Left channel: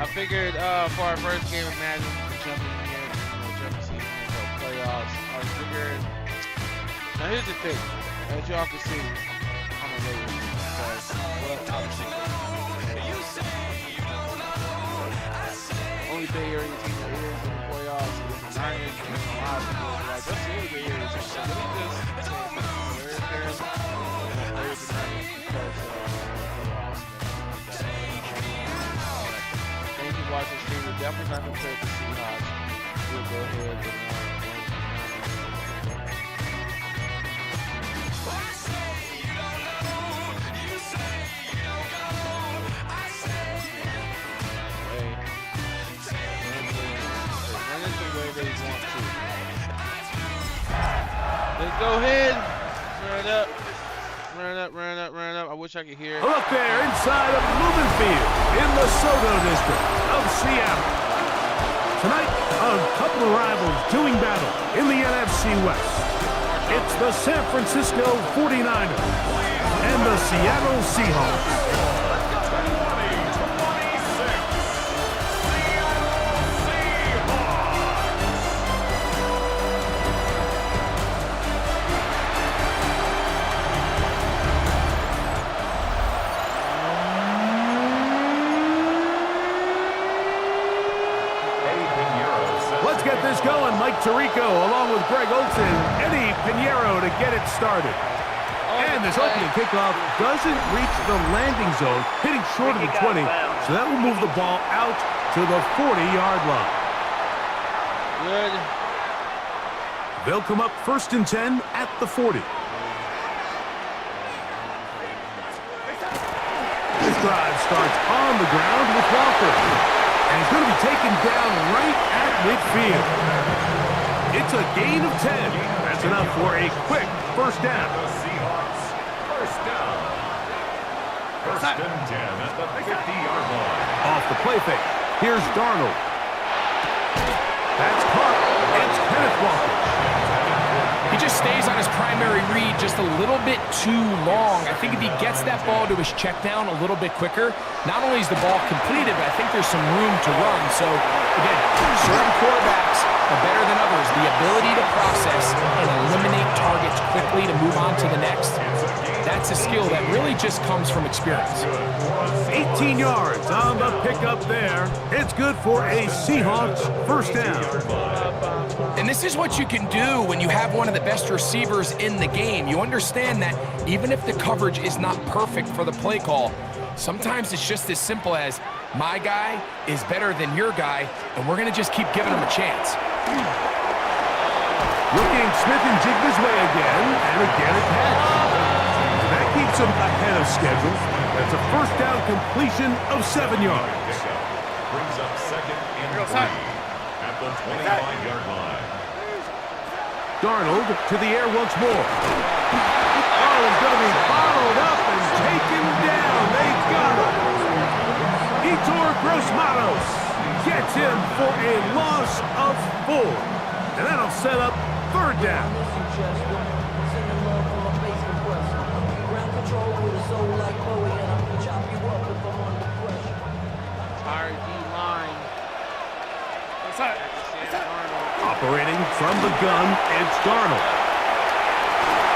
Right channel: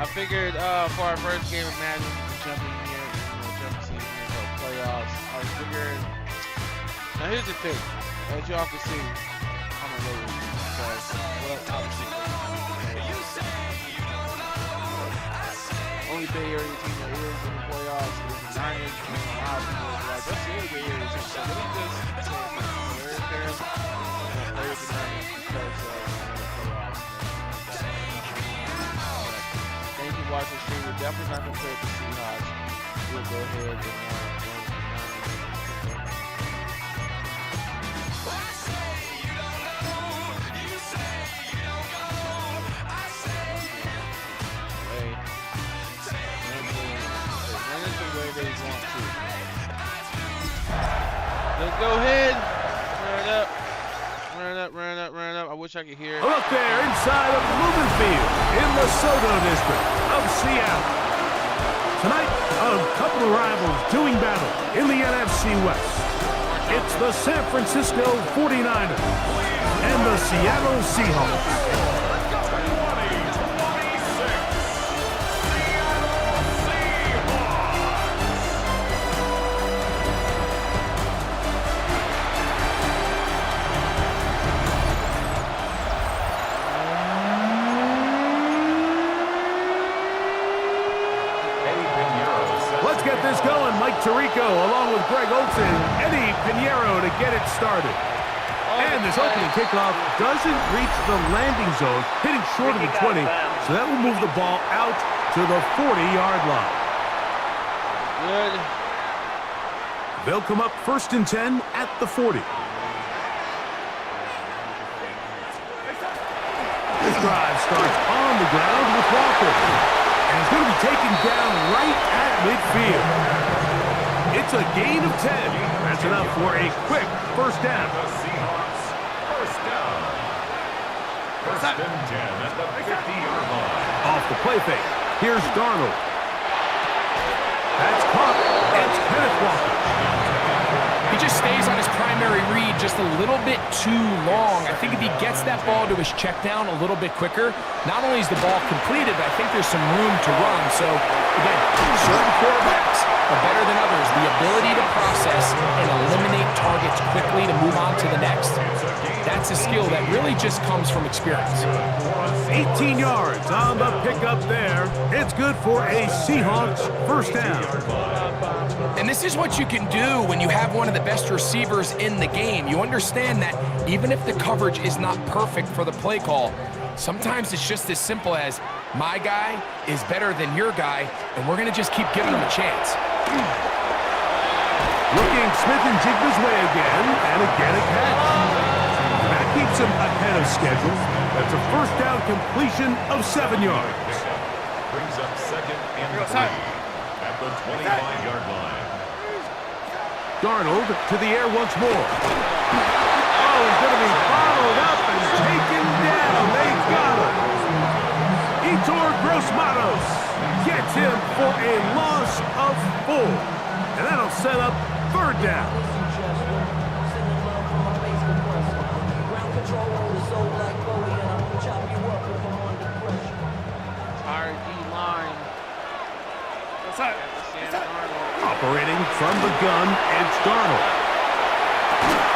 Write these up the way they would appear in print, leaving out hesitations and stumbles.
I figured for our first game of Madden, jumping here, jumping season, playoffs. I figured. Now here's the thing, as y'all can see, I'm a Lakers because obviously only Bay Area team that is in the playoffs is the Niners. And a lot of people are like, that's the only Bay Area team. So let me just say we're there and play with the Niners because playoffs. Thank you for watching the stream. We're definitely not going to play with the Seahawks. We'll go ahead and let's go ahead. Run it up. Run it up, run it up, run it up. I wish I could hear it. Look there inside of Lumen Field in the Soto district of Seattle. Tonight, a couple of rivals doing battle in the NFC West. It's the San Francisco 49ers and the Seattle Seahawks. Let's get this going. Mike Tirico along with Greg Olsen, Eddie Pinheiro to get it started. And this opening kickoff doesn't reach the landing zone, hitting short of the 20, so that will move the ball out to the 40-yard line. Good. They'll come up 1st and 10 at the 40. This drive starts on the ground with Walker. And he's going to be taken down right at midfield. It's a gain of 10. That's enough for a quick first down. The Seahawks, first down. First and 10 at the 50-yard line. Off the play fake. Here's Darnold. That's caught. It's Kenneth Walker. He just stays on his primary read just a little bit too long. I think if he gets that ball to his check down a little bit quicker, not only is the ball completed, but I think there's some room to run. So, again, certain quarterbacks are better than others. The ability to process and eliminate targets quickly to move on to the next, that's a skill that really just comes from experience. 18 yards on the pickup there. It's good for a Seahawks first down. And this is what you can do when you have one of the best receivers in the game. You understand that even if the coverage is not perfect for the play call, sometimes it's just as simple as my guy is better than your guy, and we're going to just keep giving him a chance. Looking Smith and Jigba's way again, and again a catch. And that keeps him ahead of schedule. That's a first down completion of 7 yards. Brings up 2nd and 3 at the 25-yard line. Darnold to the air once more. Oh, he's going to be bottled up and taken down. They got him. Etor Gross-Matos gets him for a loss of 4. And that'll set up 3rd down. Entire D-line. Operating from the gun, it's Darnold.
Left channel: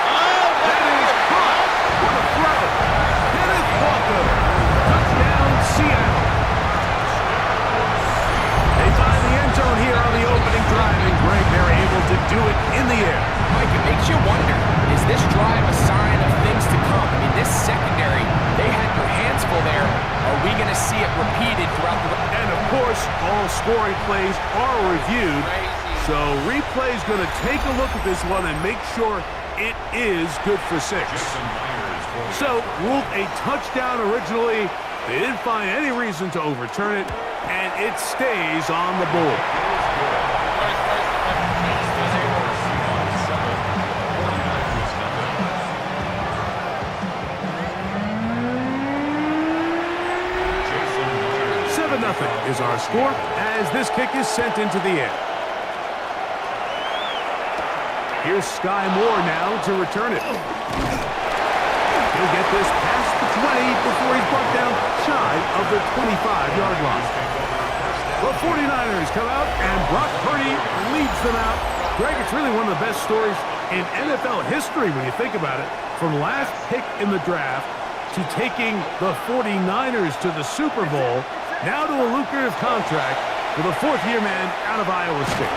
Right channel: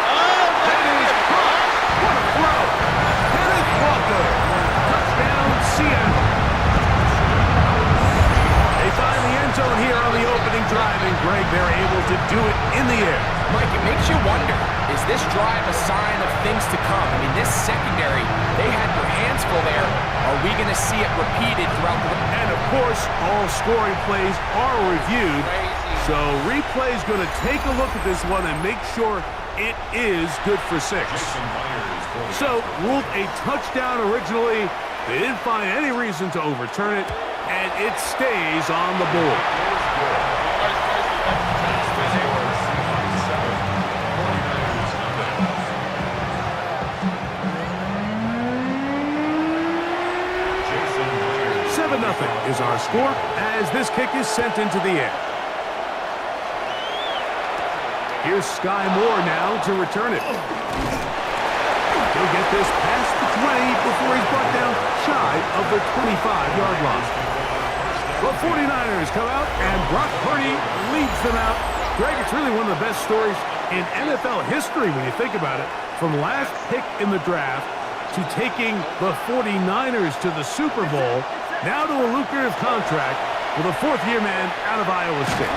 Oh, That is caught. What a throw. Kenneth Walker. Touchdown, Seattle. They find the end zone here on the opening drive, and Greg, they're able to do it in the air. Mike, it makes you wonder, is this drive a sign of things to come? I mean, this secondary, they had their hands full there. Are we going to see it repeated throughout the... And, of course, all scoring plays are reviewed. crazy. So replay's going to take a look at this one and make sure it is good for 6. Jason Myers for the So ruled a touchdown originally. They didn't find any reason to overturn it, and it stays on the board. Seahawks 7, 49ers nothing. 7-0 is our score as this kick is sent into the air. Here's Sky Moore now to return it. He'll get this past the 20 before he's brought down shy of the 25-yard line. The 49ers come out, and Brock Purdy leads them out. Greg, it's really one of the best stories in NFL history when you think about it. From last pick in the draft to taking the 49ers to the Super Bowl, now to a lucrative contract with a fourth-year man out of Iowa State.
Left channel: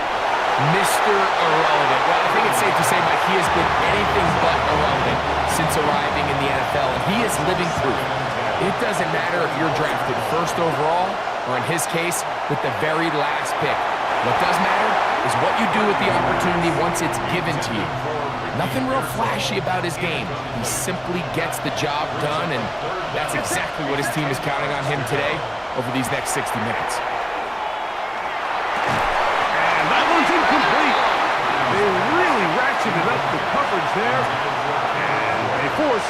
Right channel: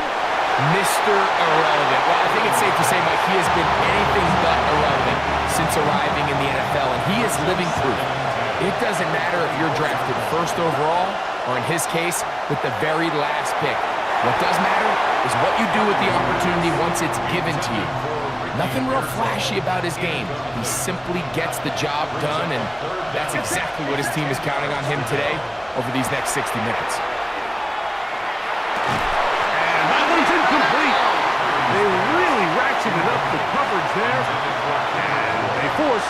Mr. Irrelevant. Well, I think it's safe to say, Mike, he has been anything but irrelevant since arriving in the NFL, and he is living proof. It doesn't matter if you're drafted first overall, or in his case, with the very last pick. What does matter is what you do with the opportunity once it's given to you. Nothing real flashy about his game. He simply gets the job done, and that's exactly what his team is counting on him today over these next 60 minutes. And that one's incomplete. They really ratcheted up the coverage there, and they force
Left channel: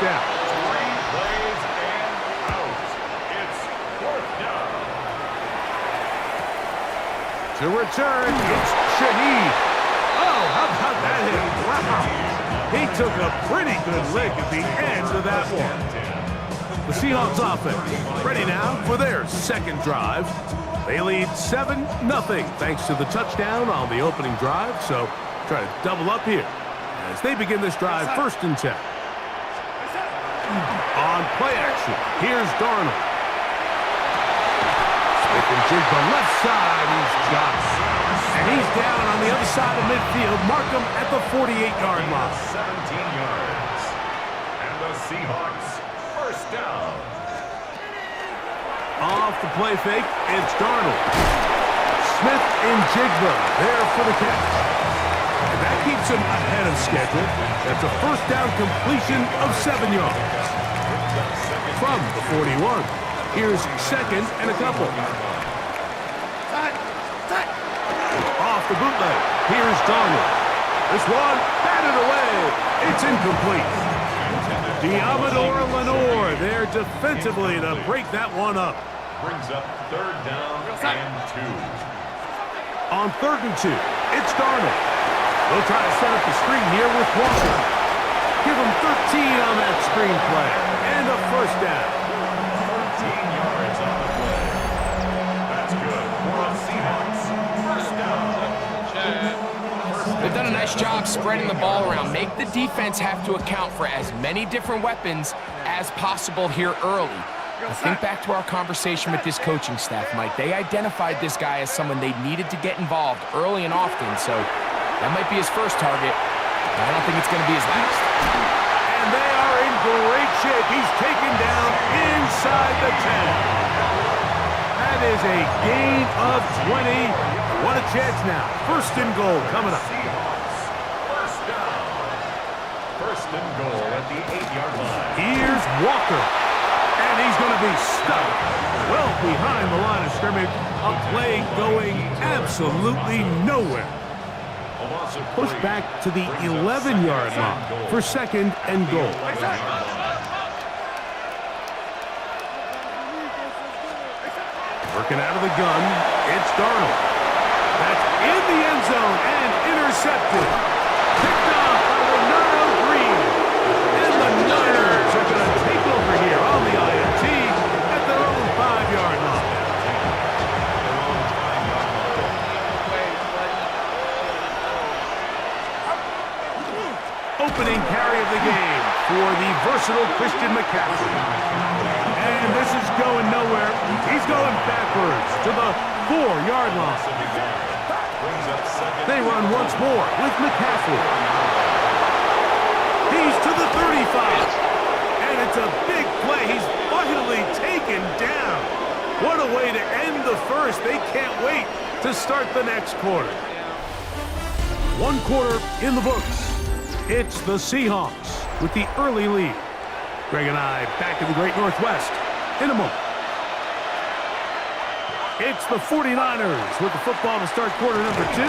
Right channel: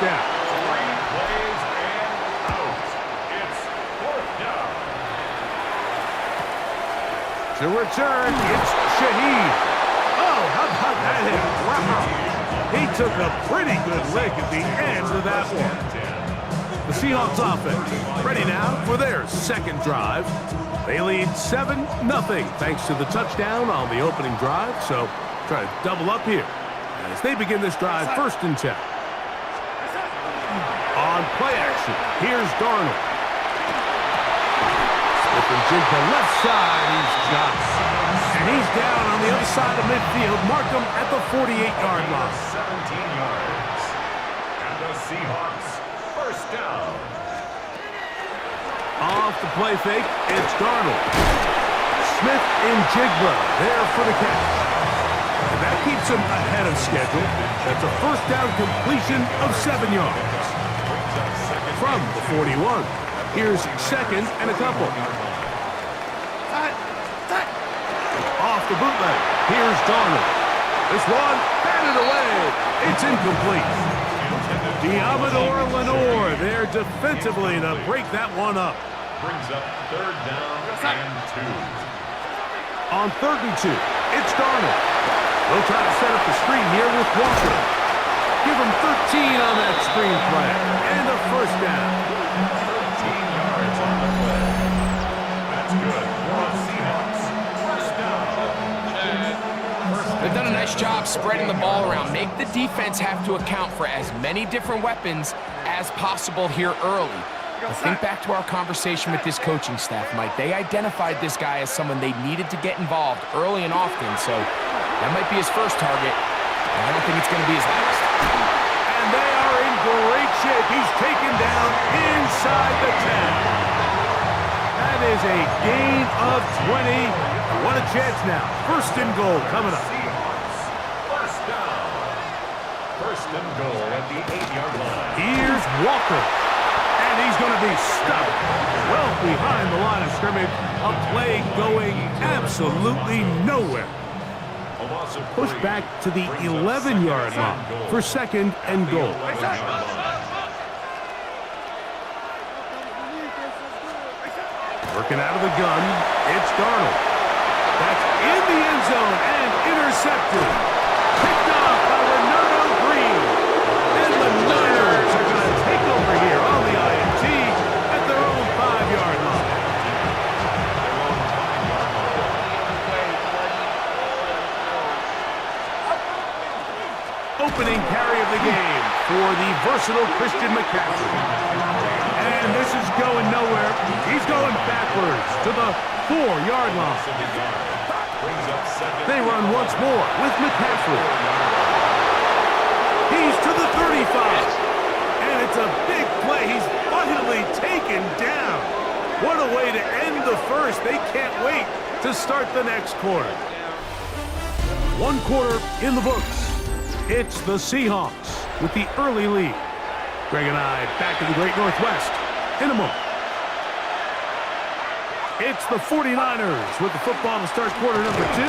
down. 3 plays and out. It's 4th down. To return, it's Shaheed. Oh, how about that hit? Wow. He took a pretty good lick at the end of that one. The Seahawks offense ready now for their second drive. They lead 7-0 thanks to the touchdown on the opening drive. So try to double up here as they begin this drive 1st and 10. On play action, here's Darnold. Smith and Jigba left side, he's got it. And he's down on the other side of midfield. Mark him at the 48-yard line. 17 yards. And the Seahawks, 1st down. Off the play fake, it's Darnold. Smith and Jigba there for the catch. And that keeps him ahead of schedule. That's a 1st down completion of 7 yards. From the 41, here's 2nd and a couple. Off the bootleg, here's Darnold. This one batted away. It's incomplete. Diamador Lenore there defensively to break that one up. Brings up 3rd down and 2. On 3rd and 2, it's Darnold. They'll try to set up the screen here with Walker. Give him 13 on that screen play. And a 1st down. 13 yards on the play. That's good for the Seahawks. 1st down. They've done a nice job spreading the ball around. Make the defense have to account for as many different weapons as possible here early. But think back to our conversation with this coaching staff, Mike. They identified this guy as someone they needed to get involved early and often, so that might be his first target. I don't think it's going to be his last. And they are in great shape. He's taken down inside the 10. That is a gain of 20. What a chance now. 1st and goal coming up. Seahawks, 1st down. 1st and goal at the 8-yard line. Here's Walker. And he's going to be stuck well behind the line of scrimmage. A play going absolutely nowhere. A loss of 3. Push back to the 11-yard line for 2nd and goal. Working out of the gun, it's Darnold. That's in the end zone and intercepted. Picked off by Renato Green. And the Niners are going to take over here on the INT at their own 5-yard line. Opening carry of the game for the versatile Christian McCaffrey. And this is going nowhere. He's going backwards to the 4-yard line. They run once more with McCaffrey. He's to the 35. And it's a big play. He's finally taken down. What a way to end the first. They can't wait to start the next quarter. 1 quarter in the books. It's the Seahawks with the early lead. Greg and I back in the Great Northwest in a moment. It's the 49ers with the football to start quarter number 2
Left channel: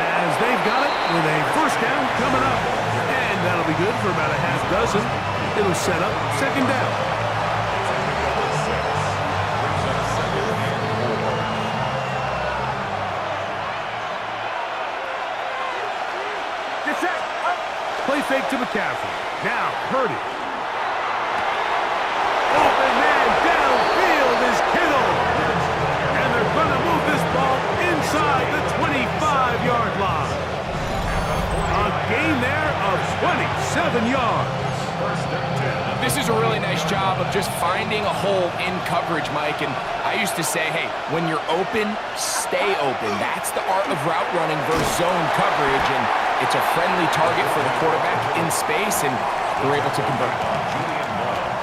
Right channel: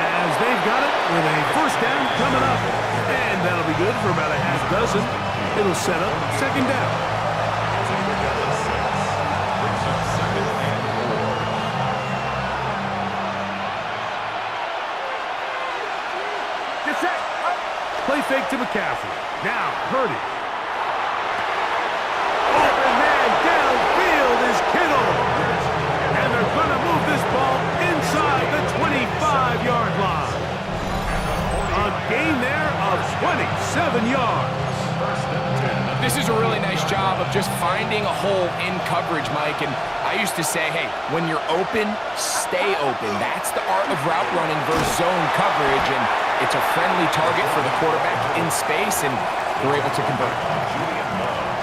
as they've got it with a 1st down coming up. And that'll be good for about a half dozen. It'll set up 2nd down. Play fake to McCaffrey. Now, Purdy. Open man downfield is Kittle. And they're going to gain there of 27 yards. First and 10. This is a really nice job of just finding a hole in coverage, Mike. And I used to say, hey, when you're open, stay open. That's the art of route running versus zone coverage. And it's a friendly target for the quarterback in space, and they're able to convert. Julian Love.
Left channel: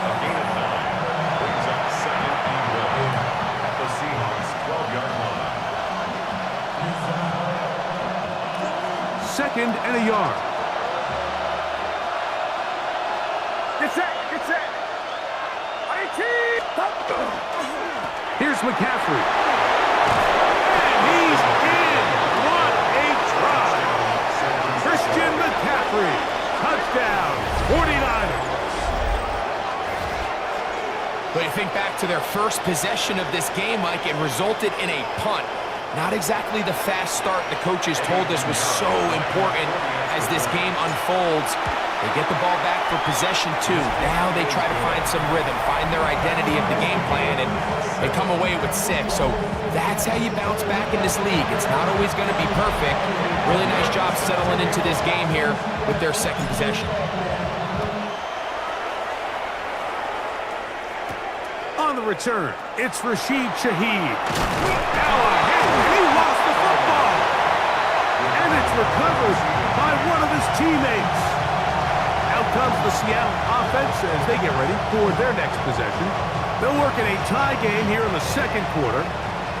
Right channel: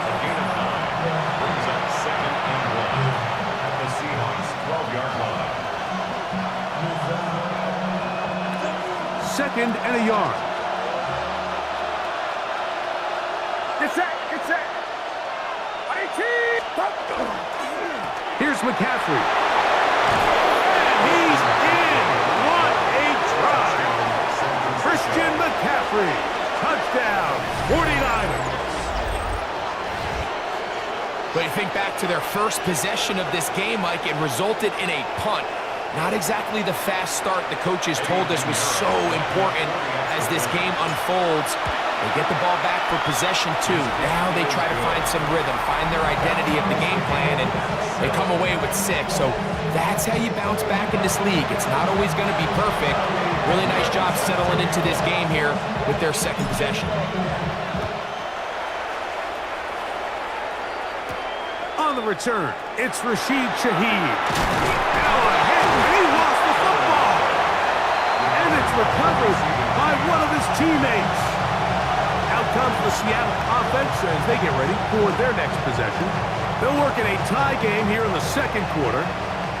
A gain of 9 brings up 2nd and 1 at the Seahawks' 12-yard line. 2nd and a yard. Get set! Get set! Here's McCaffrey. And he's in. What a try. Christian McCaffrey. Touchdown, 49ers. But you think back to their first possession of this game, Mike, it resulted in a punt. Not exactly the fast start the coaches told us was so important as this game unfolds. They get the ball back for possession 2. Now they try to find some rhythm, find their identity of the game plan, and they come away with 6. So that's how you bounce back in this league. It's not always going to be perfect. Really nice job settling into this game here with their 2nd possession. On the return, it's Rashid Shaheed. Now a hit, and he lost the football. And it's recovered by one of his teammates. Out comes the Seattle offense as they get ready for their next possession. They'll work in a tie game here in the 2nd quarter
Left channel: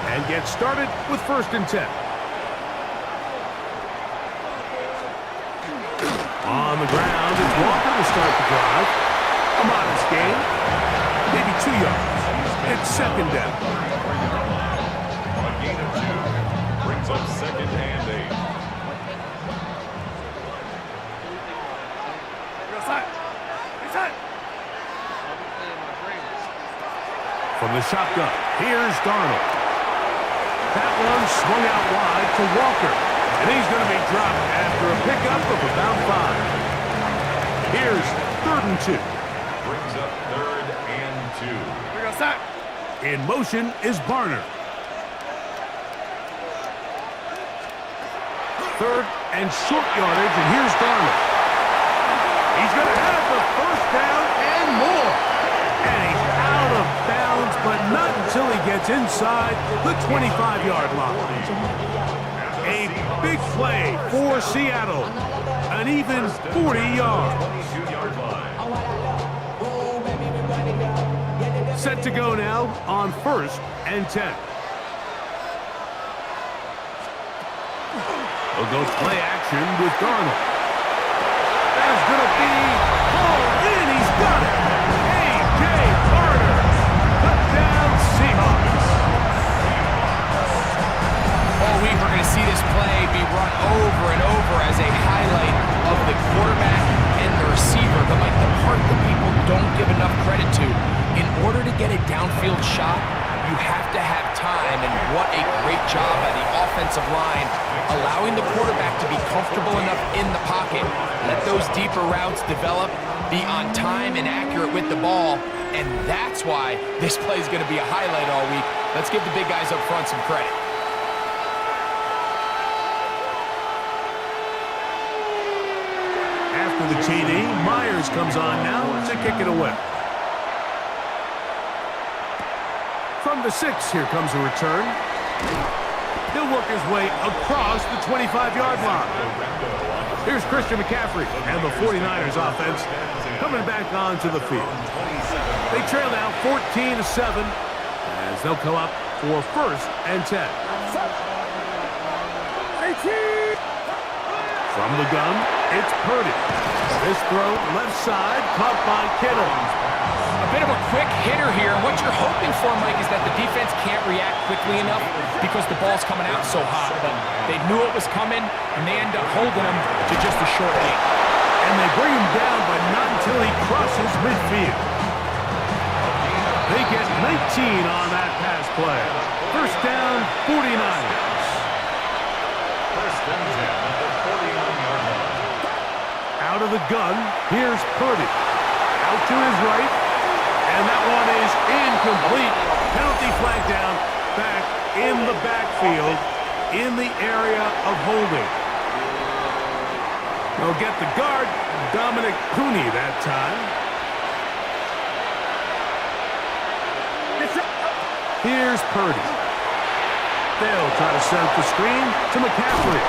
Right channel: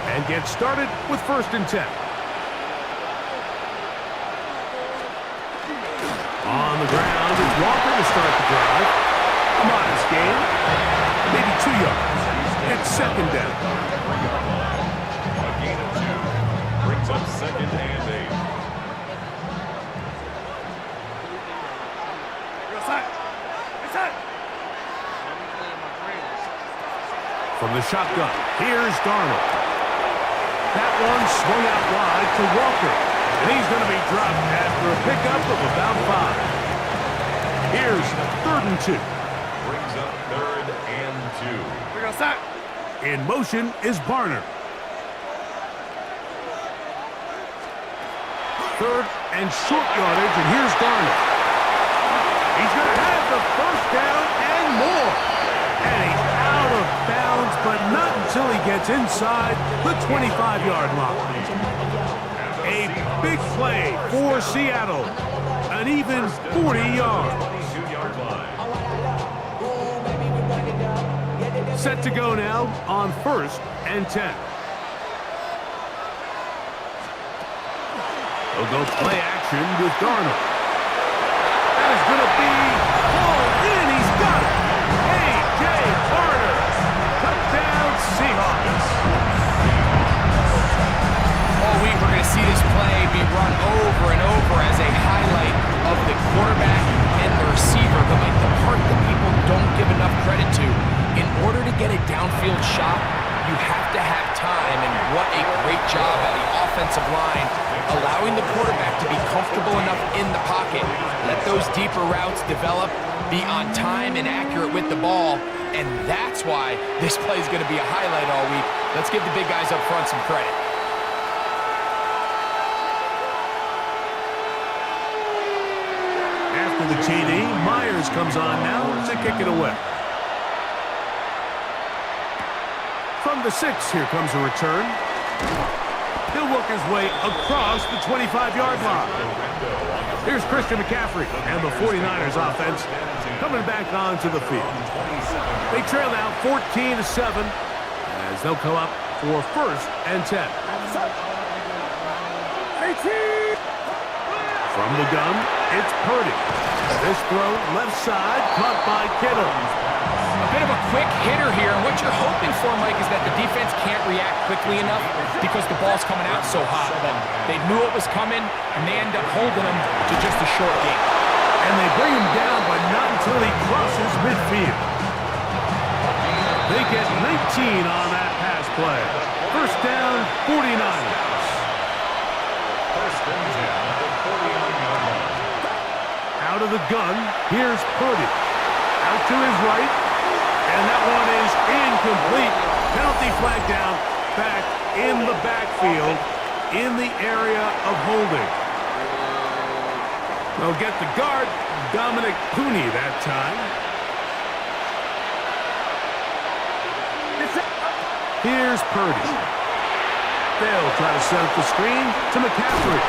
and get started with 1st and 10. On the ground, it's Walker to start the drive. A modest gain, maybe 2 yards. It's 2nd down. A gain of 2 brings up 2nd and 8. From the shotgun, here's Darnold. That one swung out wide to Walker, and he's going to be dropped after a pickup of about 5. Here's 3rd and 2. Brings up 3rd and 2. In motion is Barner. 3rd and short yardage, and here's Darnold. He's going to have the 1st down and more. And he's out of bounds, but not until he gets inside the 25-yard line. A big play for Seattle. An even 40 yards. 22-yard line. Set to go now on 1st and 10. They'll go play action with Darnold. That is going to be hauled in. He's got it. A.J. Barner. Touchdown, Seahawks. All week we're going to see this play be run over and over as a highlight of the quarterback and the receiver. But like the part that people don't give enough credit to, in order to get a downfield shot, you have to have time, and what a great job by the offensive line, allowing the quarterback to be comfortable enough in the pocket, let those deeper routes develop, be on time and accurate with the ball, and that's why this play is going to be a highlight all week. Let's give the big guys up front some credit. After the TD, Myers comes on now to kick it away. From the 6, here comes a return. He'll work his way across the 25-yard line. Here's Christian McCaffrey and the 49ers offense coming back onto the field. They trail now 14-7 as they'll come up for 1st and 10. From the gun, it's Purdy. This throw left side caught by Kittle. A bit of a quick hitter here, and what you're hoping for, Mike, is that the defense can't react quickly enough because the ball's coming out so hot. But they knew it was coming, and they end up holding him to just a short gain. And they bring him down, but not until he crosses midfield. They get 19 on that pass play. 1st down, 49ers. 1st and 10 at the 49-yard line. Out of the gun, here's Purdy. Out to his right. And that one is incomplete. Penalty flag down, back in the backfield, in the area of holding. They'll get the guard, Dominic Cooney, that time. Here's Purdy. They'll try to set up the screen to McCaffrey.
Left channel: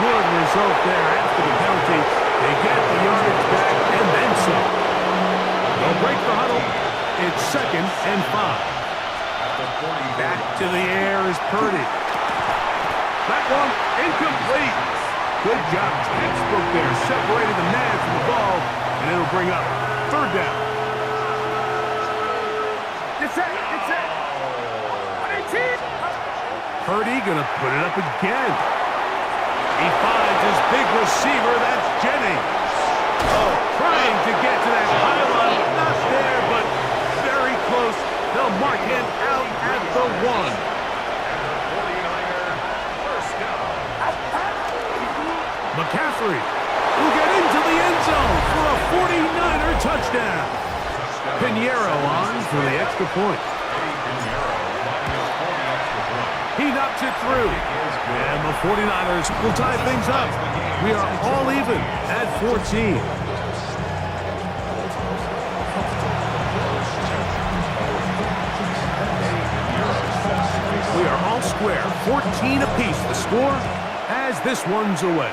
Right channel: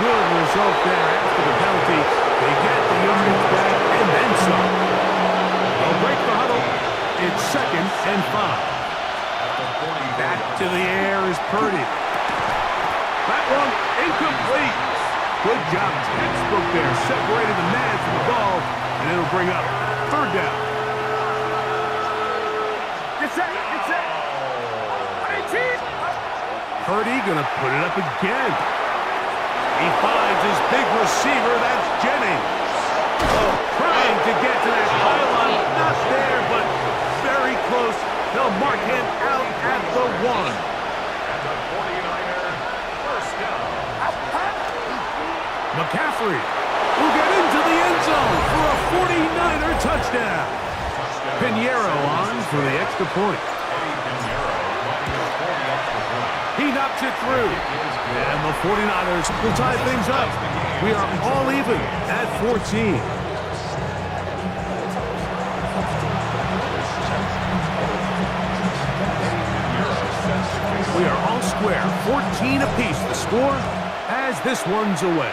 Good result there after the penalty. They get the yardage back and then some. They'll break the huddle. It's 2nd and 5. Back to the air is Purdy. That one incomplete. Good job, textbook there. Separated the man from the ball, and it'll bring up 3rd down. Get set. Purdy gonna put it up again. He finds his big receiver, that's Jennings. Trying to get to that pylon, not there, but very close. They'll mark him out at the 1. And the 49er, first down. McCaffrey will get into the end zone for a 49er touchdown. Pinheiro on for the extra point. Eddie Pinheiro lining up for the extra point. He knocks it through. And the 49ers will tie things up. We are all even at 14. We are all square, 14 apiece the score as this one's away.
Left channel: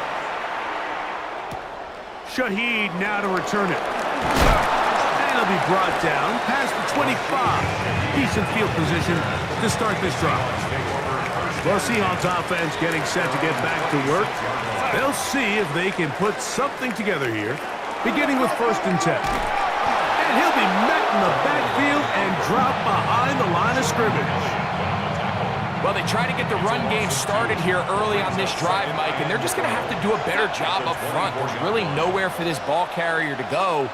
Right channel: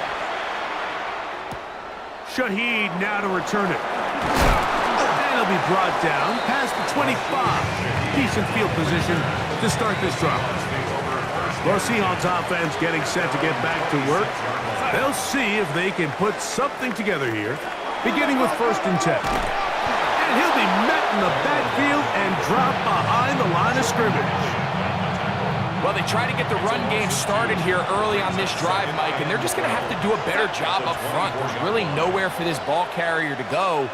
Shaheed now to return it. And he'll be brought down past the 25. Decent field position to start this drive. The Seahawks offense getting set to get back to work. They'll see if they can put something together here, beginning with 1st and 10. And he'll be met in the backfield and dropped behind the line of scrimmage. Well, they try to get the run game started here early on this drive, Mike, and they're just going to have to do a better job up front. There's really nowhere for this ball carrier to go.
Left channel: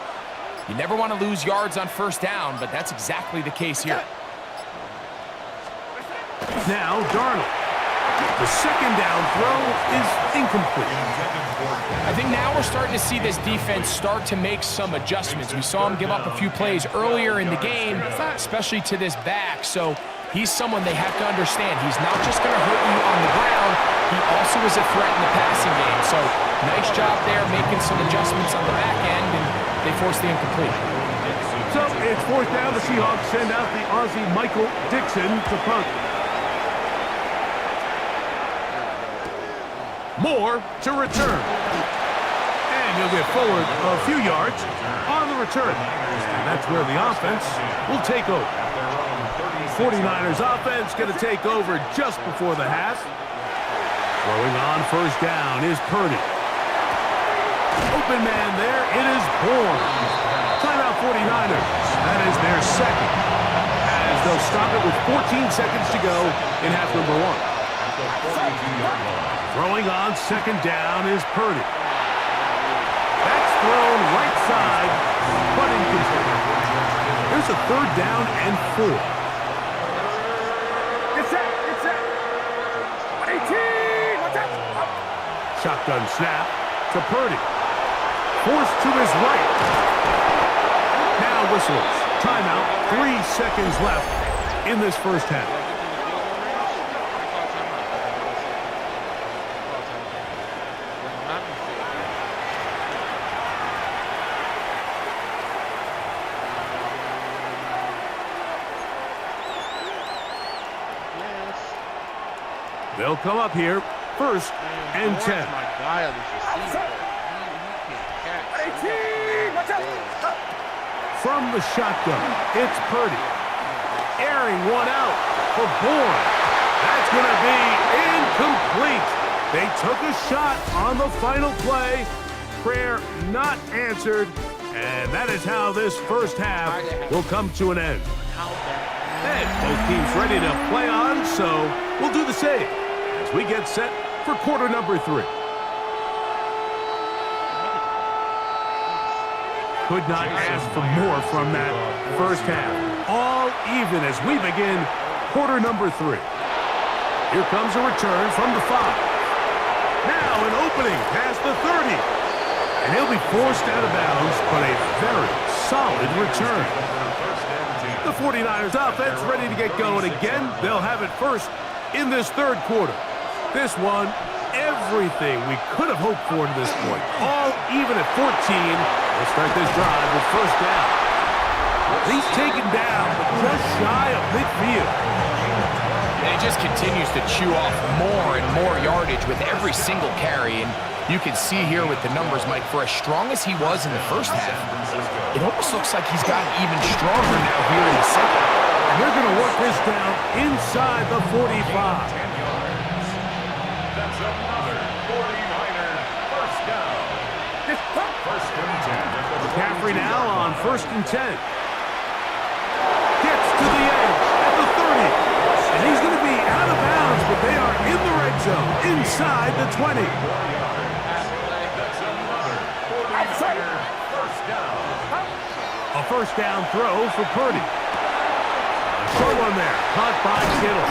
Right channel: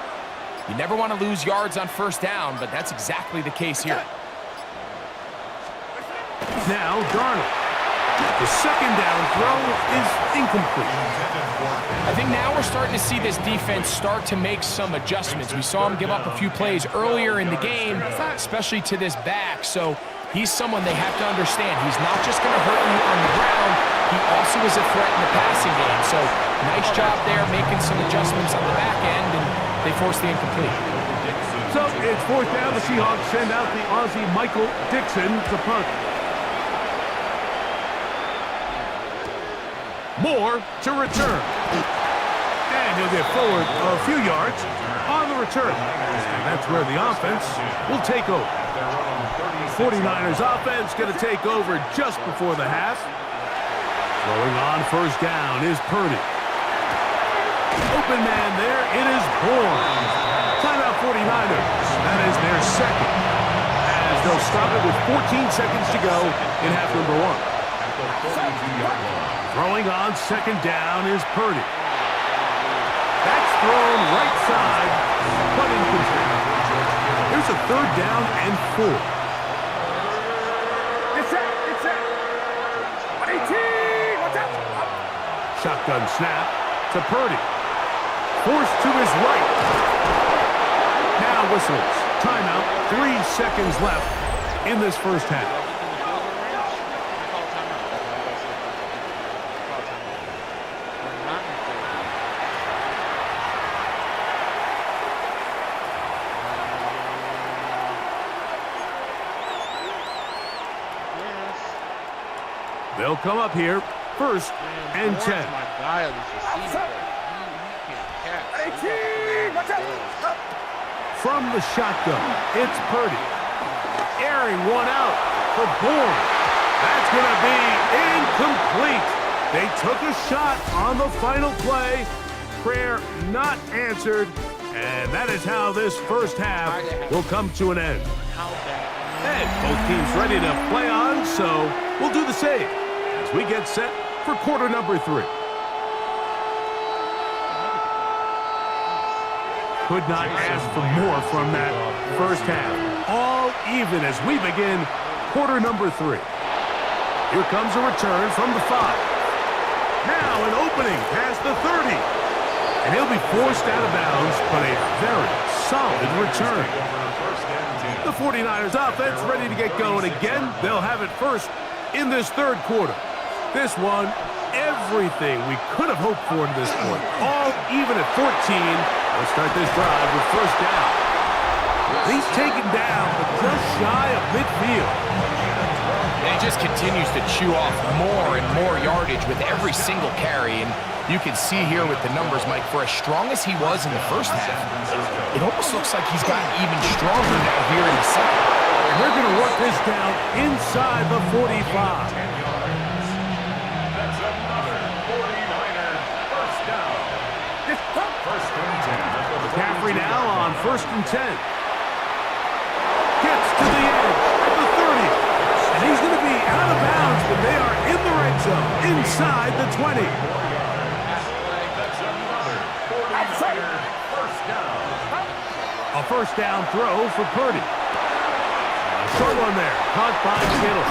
You never want to lose yards on 1st down, but that's exactly the case here. Now, Darnold. The 2nd down throw is incomplete. I think now we're starting to see this defense start to make some adjustments. We saw him give up a few plays earlier in the game, especially to this back, so he's someone they have to understand. He's not just going to hurt you on the ground. He also is a threat in the passing game. So nice job there making some adjustments on the back end, and they force the incomplete. So it's 4th down. The Seahawks send out the Aussie Michael Dixon to punt. Moore to return. And he'll get forward a few yards on the return. And that's where the offense will take over. 49ers offense going to take over just before the half. Throwing on 1st down is Purdy. Open man there, it is Bourne. Timeout 49ers. That is their 2nd. As they'll stop it with 14 seconds to go in half number 1. At the 42-yard line. Throwing on 2nd down is Purdy. That's thrown right side, but incomplete. Here's a 3rd down and 4. Get set. 18. Watch out. Shotgun snap to Purdy. Forced to his right. Now whistles. Timeout. 3 seconds left in this 1st half. They'll come up here, 1st and 10. My guy on this receiver. He can't catch. 18. Watch out. From the shotgun, it's Purdy. Airing one out for Bourne. That's going to be incomplete. They took a shot on the final play. Prayer not answered. And that is how this 1st half will come to an end. And both teams ready to play on, so we'll do the same as we get set for quarter number 3. Could not ask for more from that 1st half. All even as we begin quarter number 3. Here comes a return from the 5. Now an opening past the 30. And he'll be forced out of bounds, but a very solid return. The 49ers offense ready to get going again. They'll have it first in this 3rd quarter. This one everything we could have hoped for to this point. All even at 14. We'll start this drive with first down. He's taken down, but just shy of midfield. And he just continues to chew off more and more yardage with every single carry. And you can see here with the numbers, Mike, for as strong as he was in the first half, it almost looks like he's gotten even stronger now here in the second. And they're going to work this down inside the 45. 10 yards. That's another 49er first down. First and 10. McCaffrey now on first and 10. Gets to the edge at the 30. And he's going to be out of bounds, but they are in the red zone inside the 20. That's another 49er first down. A first down throw for Purdy. A short one there, caught by Kittle.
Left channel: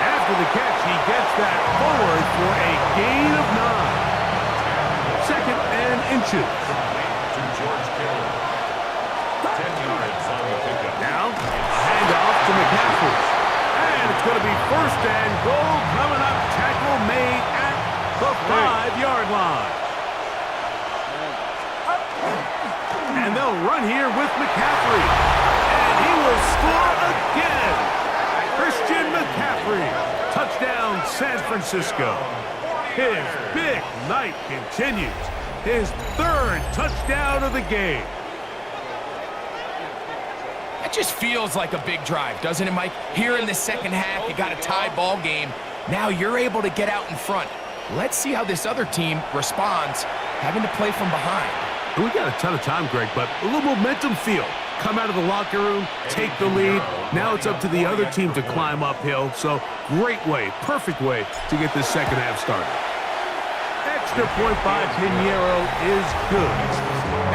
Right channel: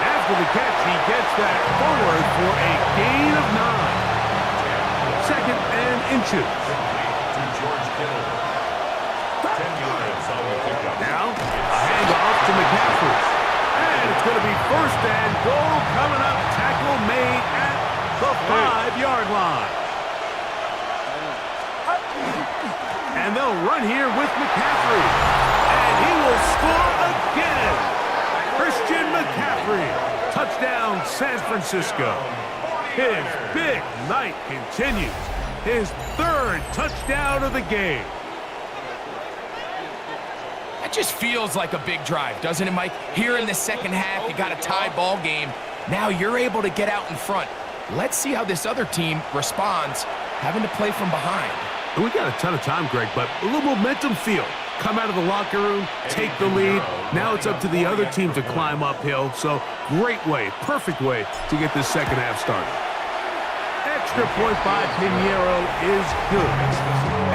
After the catch, he gets that forward for a gain of 9. Second and inches. To George Kittle. 10 yards on the pickup. Now, a handoff to McCaffrey. And it's going to be first and goal coming up. Tackle made at the 5-yard line. And they'll run here with McCaffrey. And he will score again. Christian McCaffrey. Touchdown, San Francisco. His big night continues. His third touchdown of the game. That just feels like a big drive, doesn't it, Mike? Here in the second half, you got a tie ball game. Now you're able to get out in front. Let's see how this other team responds, having to play from behind. We got a ton of time, Greg, but a little momentum feel. Come out of the locker room, take the lead. Now it's up to the other team to climb uphill. So great way, perfect way to get this second half started. Extra point by Pinheiro is good.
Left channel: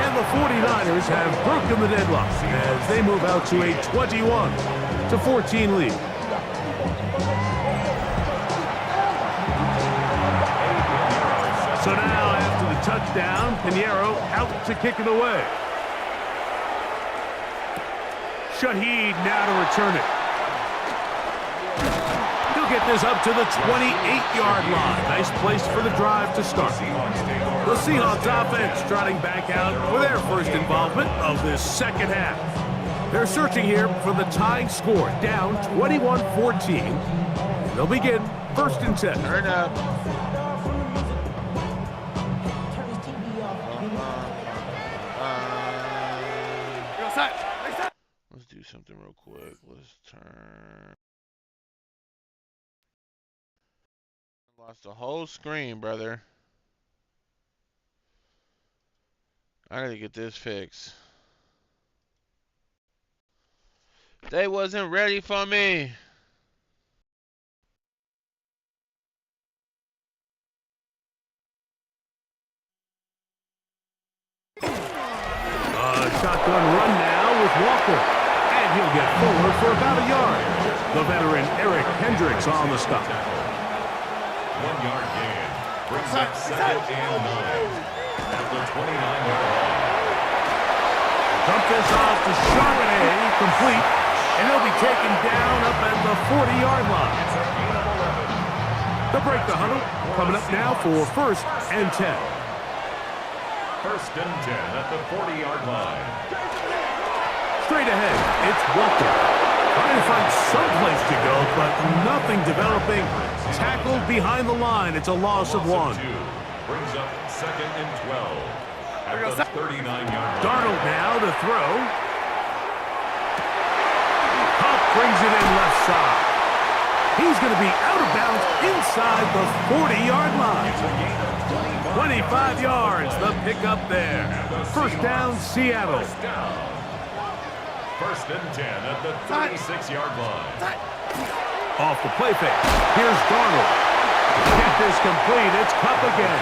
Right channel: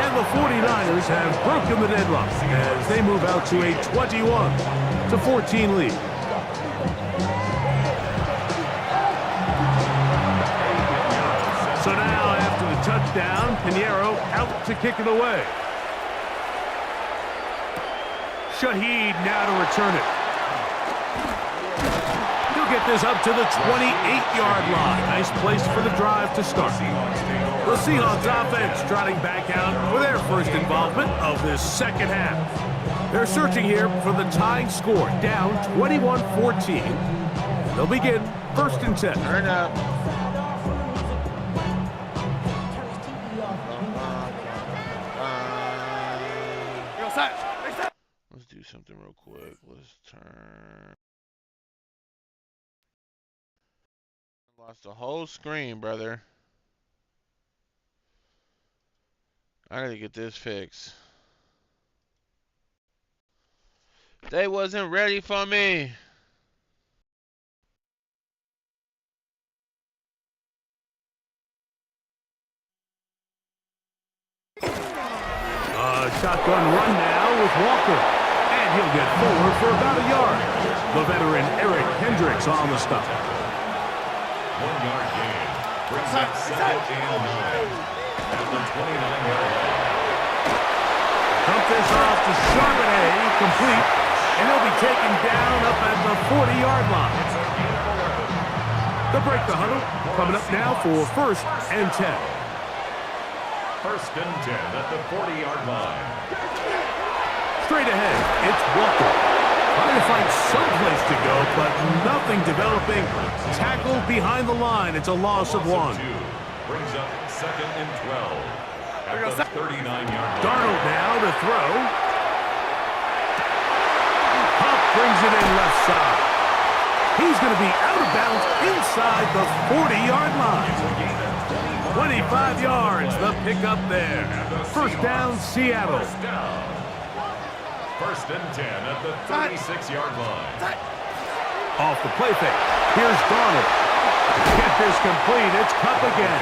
And the 49ers have broken the deadlock as they move out to a 21-14 lead. So now, after the touchdown, Pinheiro out to kick it away. Shaheed now to return it. He'll get this up to the 28-yard line. Nice place for the drive to start. The Seahawks offense trotting back out for their first involvement of this second half. They're searching here for the tying score, down 21-14. They'll begin first and 10. Turn up. Let's do something real quick. Let's turn. Lost the whole screen, brother. I gotta get this fixed. They wasn't ready for me. Shotgun run now with Walker. And he'll get forward for about a yard. The veteran Eric Hendricks on the stop. 1 yard gain. Brings up second and 9. At the 29-yard line. Dump this off to Charbonnet, complete. And he'll be taken down up at the 40-yard line. It's a gain of 11. They'll break the huddle. Coming up now for first and 10. First and 10 at the 40-yard line. Straight ahead, it's Walker. Trying to find some place to go, but nothing developing. Tackled behind the line. It's a loss of 1. 2. Brings up second and 12. At the 39-yard line. Darnold now to throw. Huff brings it in left side. He's going to be out of bounds inside the 40-yard line. 25 yards, the pickup there. First down, Seattle. First down. First and 10 at the 36-yard line. Off the play fake. Here's Darnold. Get this complete. It's Cup again.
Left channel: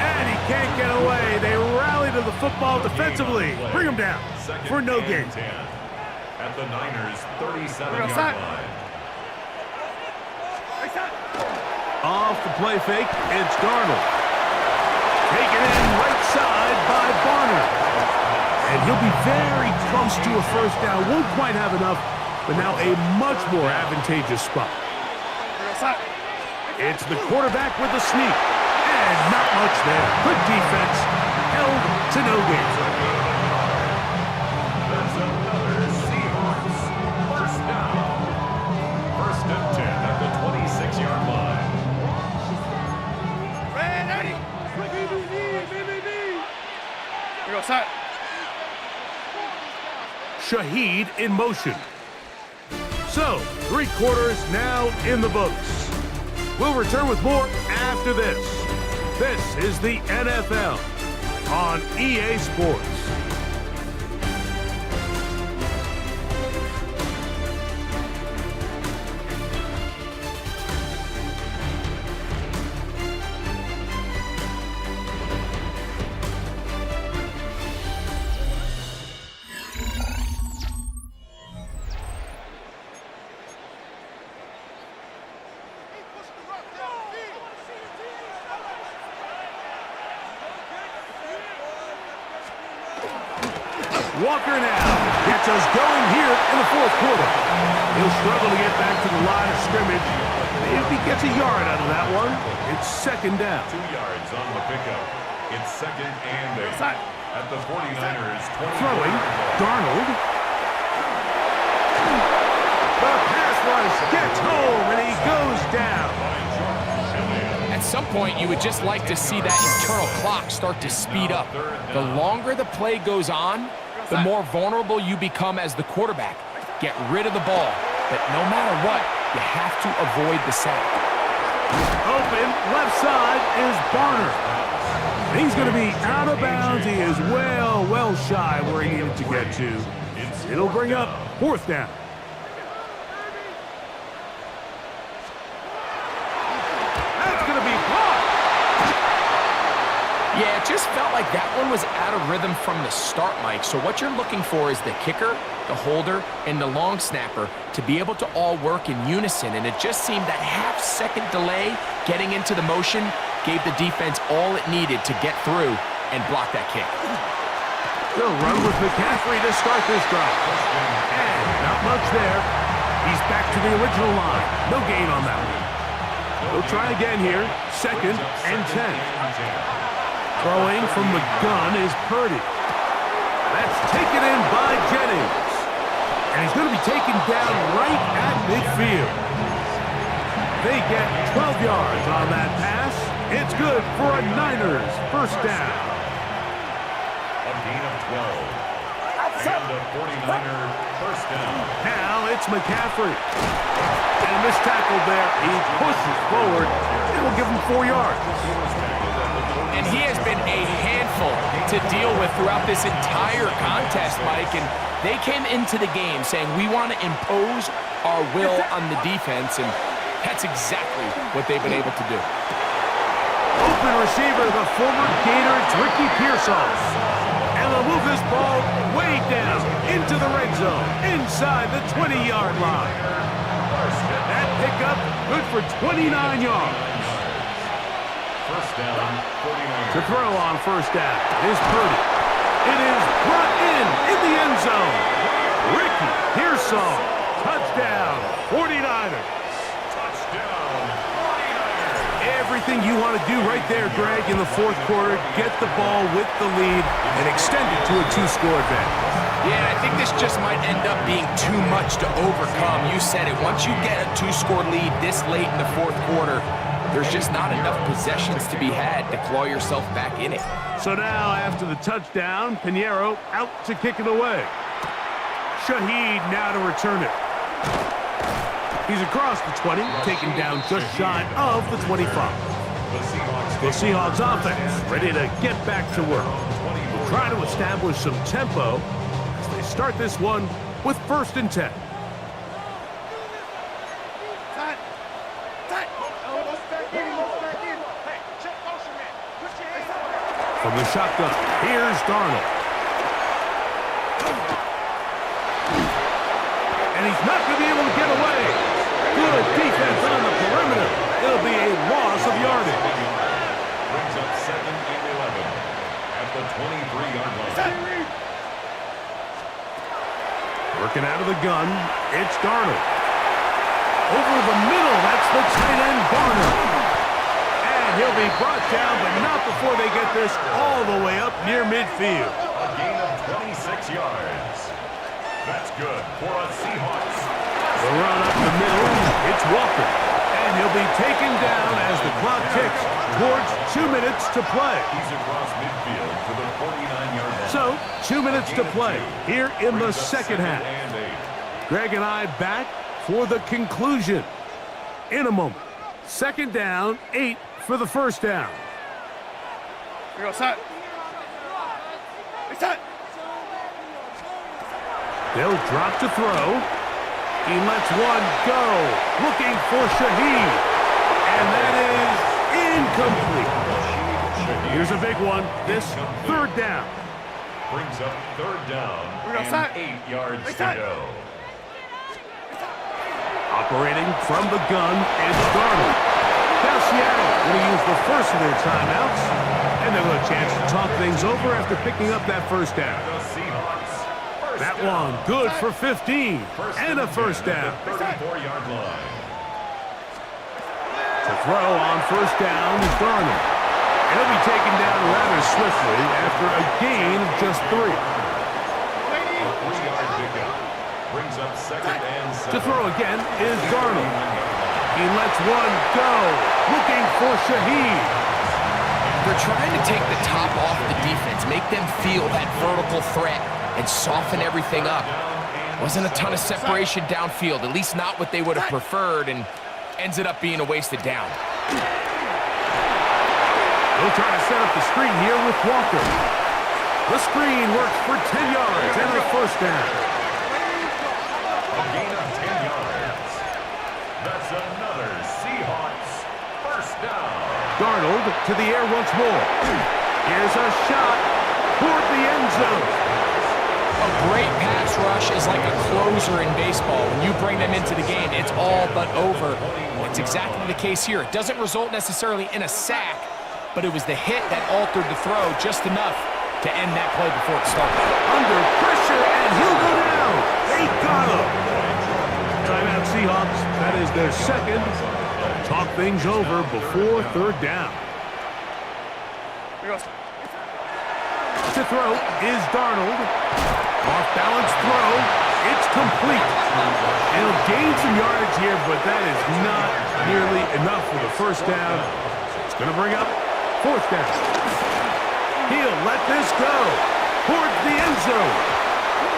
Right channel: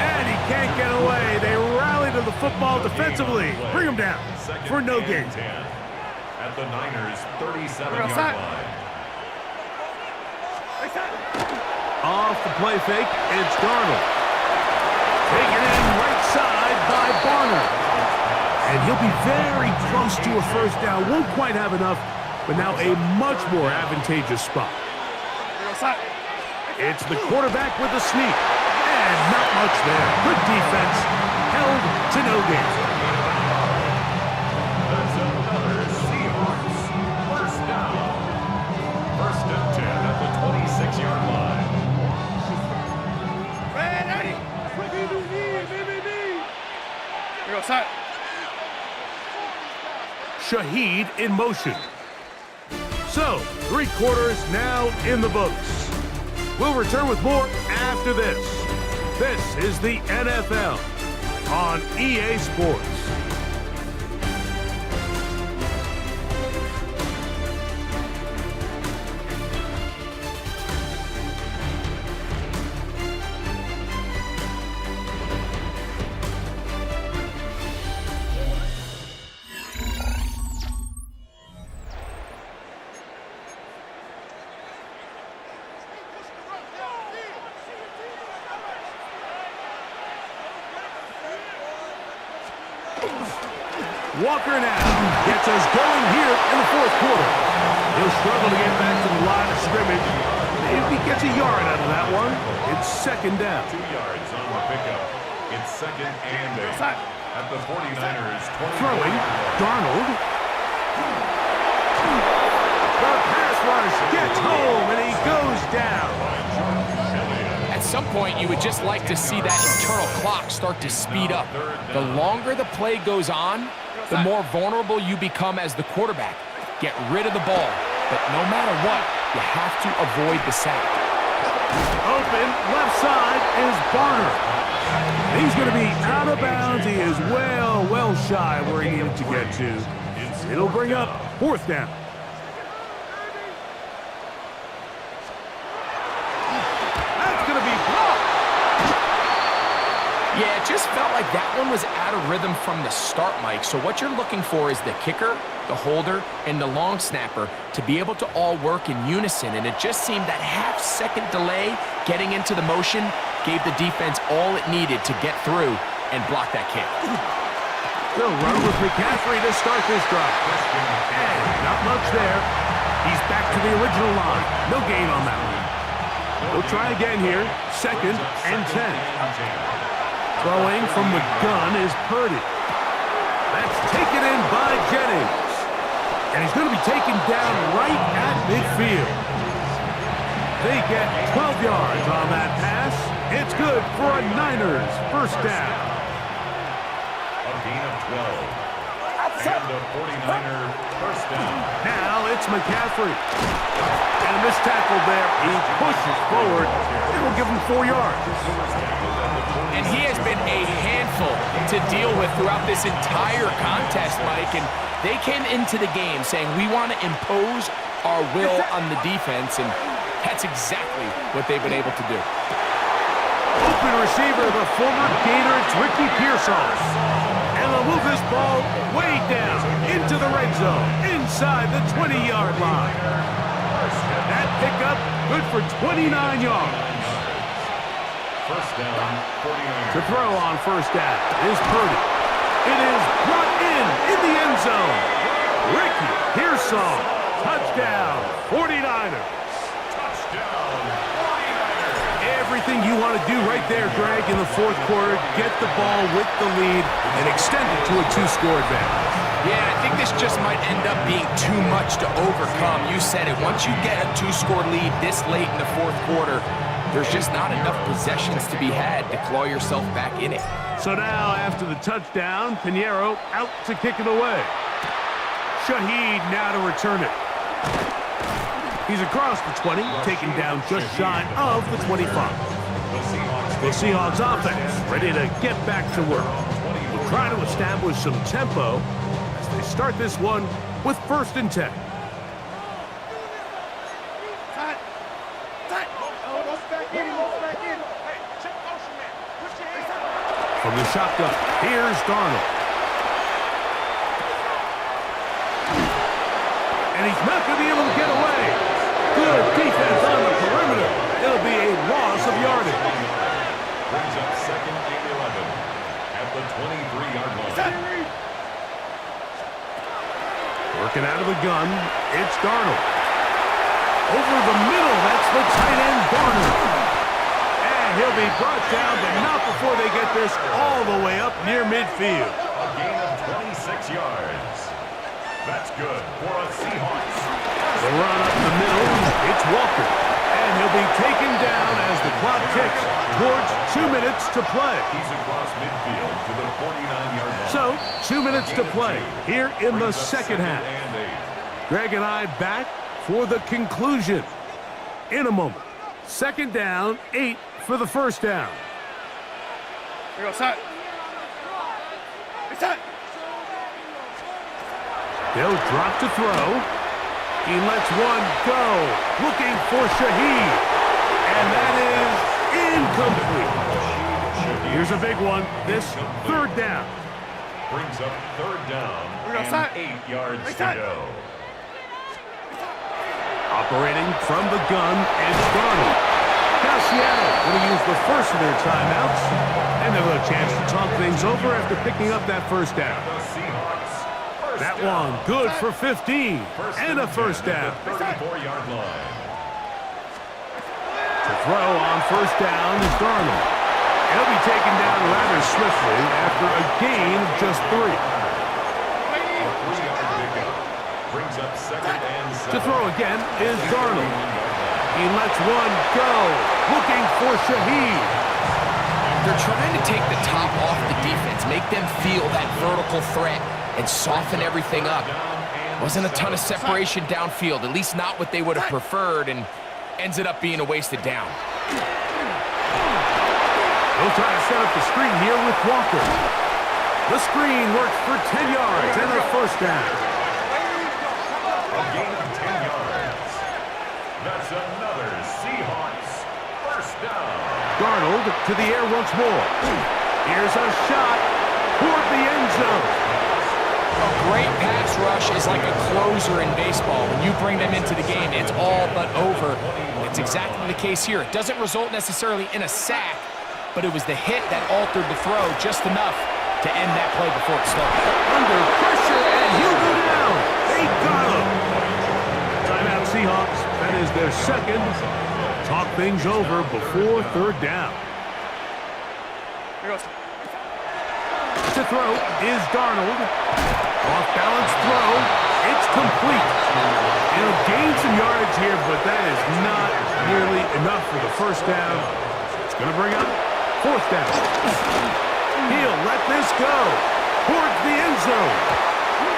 And he can't get away. They rally to the football defensively. Bring him down for no gain. At the Niners' 37-yard line. Off the play fake, it's Darnold. Taken in right side by Barner. And he'll be very close to a first down. Won't quite have enough, but now a much more advantageous spot. It's the quarterback with the sneak. And not much there. Good defense. Held to no gain. That's another Seahawks first down. First and 10 at the 26-yard line. Here goes Hut. Shaheed in motion. So, 3 quarters now in the books. We'll return with more after this. This is the NFL on EA Sports. Walker now gets us going here in the 4th quarter. He'll struggle to get back to the line of scrimmage. Maybe he gets a yard out of that one. It's 2nd down. 2 yards on the pickup. It's 2nd and 8 at the 49ers 20. Throwing, Darnold. The pass rush gets home, and he goes down. At some point, you would just like to see that internal clock start to speed up. The longer the play goes on, the more vulnerable you become as the quarterback. Get rid of the ball, but no matter what, you have to avoid the sack. Open, left side is Barner. He's going to be out of bounds. He is well shy where he needed to get to. It'll bring up 4th down. That's going to be blocked. Yeah, it just felt like that one was out of rhythm from the start, Mike. So what you're looking for is the kicker, the holder, and the long snapper to be able to all work in unison. And it just seemed that half-second delay getting into the motion gave the defense all it needed to get through and block that kick. They'll run with McCaffrey to start this drive. And not much there. He's back to the original line. No gain on that one. They'll try again here. 2nd and 10. Throwing from the gun is Purdy. That's taken in by Jennings. And he's going to be taken down right at midfield. They get 12 yards on that pass. It's good for a Niners first down. A gain of 12. And a 49er first down. Now it's McCaffrey. And a missed tackle there. He pushes forward. It'll give him 4 yards. And he has been a handful to deal with throughout this entire contest, Mike. And they came into the game saying, we want to impose our will on the defense. And that's exactly what they've been able to do. Open receiver, the former Gator, it's Ricky Pearsall. And they'll move this ball way down into the red zone, inside the 20-yard line. That pickup good for 29 yards. First down, 49ers. To throw on first down is Purdy. It is brought in the end zone. Ricky Pearsall, touchdown, 49ers. Touchdown, 49ers. Everything you want to do right there, Greg, in the 4th quarter, get the ball with the lead and extend it to a 2-score advantage. Yeah, I think this just might end up being too much to overcome. You said it. Once you get a 2-score lead this late in the 4th quarter, there's just not enough possessions to be had to claw yourself back in it. So now, after the touchdown, Pinheiro out to kick it away. Shaheed now to return it. He's across the 20, taken down just shy of the 25. The Seahawks offense ready to get back to work. We'll try to establish some tempo as they start this one with 1st and 10. From the shotgun, here's Darnold. And he's not going to be able to get away. Good defense on the perimeter. It'll be a loss of yardage. Brings up 2nd and 11 at the 23-yard line. Working out of the gun, it's Darnold. Over the middle, that's the tight end, Garner. And he'll be brought down, but not before they get this all the way up near midfield. A gain of 26 yards. That's good for a Seahawks. The run up the middle, it's Walker. And he'll be taken down as the clock ticks towards 2 minutes to play. He's across midfield to the 49-yard line. So, 2 minutes to play here in the second half. And 8. Greg and I back for the conclusion in a moment. Second down, 8 for the first down. Here we go, set. Hey, set. They'll drop to throw. He lets one go, looking for Shaheed. And that is incomplete. Here's a big one, this third down. Brings up third down Here we go, and set. 8 yards Hey, to set. go. Operating from the gun is Darnold. Now Seattle going to use the first of their timeouts, and they'll have a chance to talk things over after picking up that first down. The Seahawks. First That down. one good for 15 and a first down. 34-yard line. To throw on first down is Darnold. And he'll be taken down rather swiftly after a gain of just 3. A 3-yard pickup. Brings up second and 7. To throw again is Darnold. He lets one go, looking for Shaheed. They're trying to take the top off the defense, make them feel that vertical threat, and soften everything up. Wasn't a ton of separation downfield, at least not what they would have preferred, and ends it up being a wasted down. They'll try to set up the screen here with Walker. The screen works for 10 yards and a first down. A gain of 10 yards. That's another Seahawks first down. Darnold to the air once more. Here's a shot toward the end zone. A great pass rush is like a closer in baseball. When you bring them into the game, it's all but over. It's exactly the case here. It doesn't result necessarily in a sack, but it was the hit that altered the throw just enough to end that play before it started. Under pressure, and he'll go down. They got him. Timeout Seahawks. That is their second. Talk things over before third down. Here we go. To throw is Darnold. Off-balance throw. It's complete. And he'll gain some yardage here, but that is not nearly enough for the first down. It's going to bring up fourth down. He'll let this go towards the end zone.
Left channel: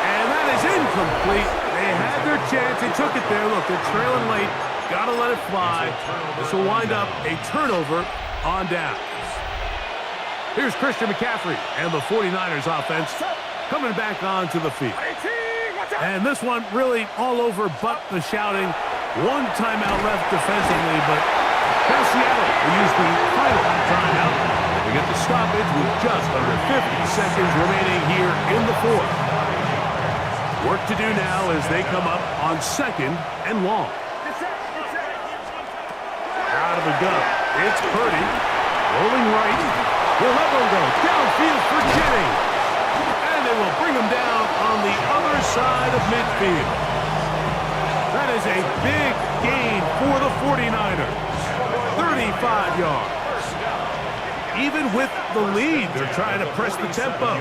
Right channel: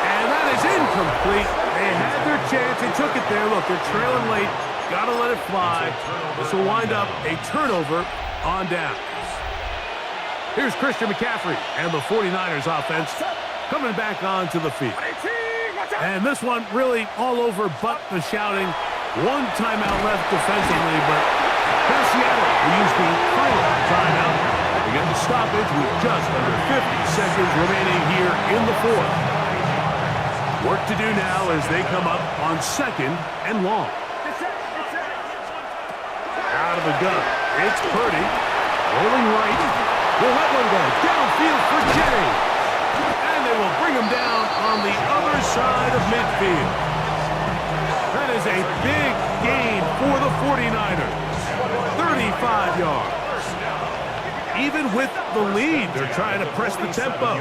And that is incomplete. They had their chance. They took it there. Look, they're trailing late. Got to let it fly. This will wind up a turnover on downs. Here's Christian McCaffrey and the 49ers offense coming back onto the field. And this one really all over but the shouting. One timeout left defensively, but now Seattle will use the final timeout. They get the stoppage with just under 50 seconds remaining here in the fourth. Work to do now as they come up on second and long. Out of the gun, it's Purdy. Rolling right. He'll let one go. Downfield for Jennings. And they will bring him down on the other side of midfield. That is a big gain for the 49ers. 35 yards. Even with the lead, they're trying to press the tempo.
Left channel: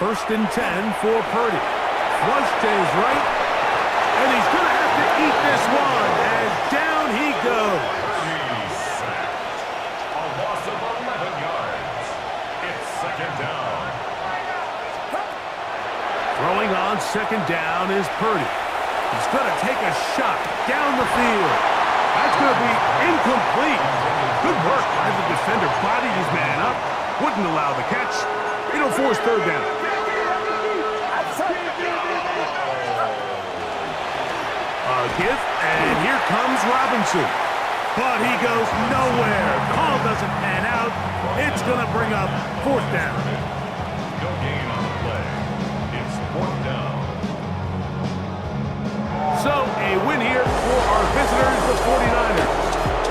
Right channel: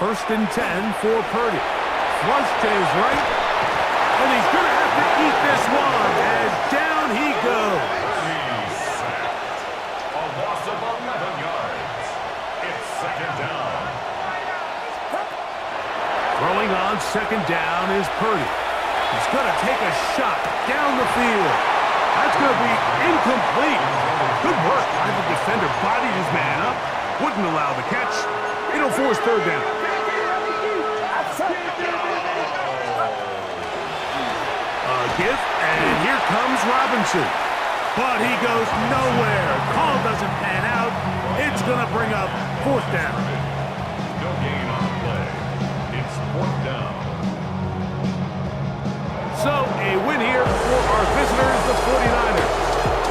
First and 10 for Purdy. Flush to his right. And he's going to have to eat this one as down he goes. A loss of 11 yards. It's second down. Throwing on second down is Purdy. He's going to take a shot down the field. That's going to be incomplete. Good work by the defender. Bodied his man up. Wouldn't allow the catch. It'll force third down. A give, and here comes Robinson. But he goes nowhere. Call doesn't pan out. It's going to bring up fourth down. No gain on the play. It's fourth down. So, a win here for our visitors, the 49ers.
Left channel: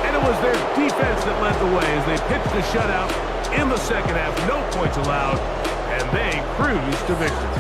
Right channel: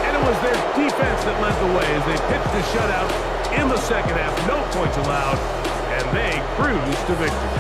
And it was their defense that led the way as they pitched a shutout in the second half. No points allowed, and they cruised to victory.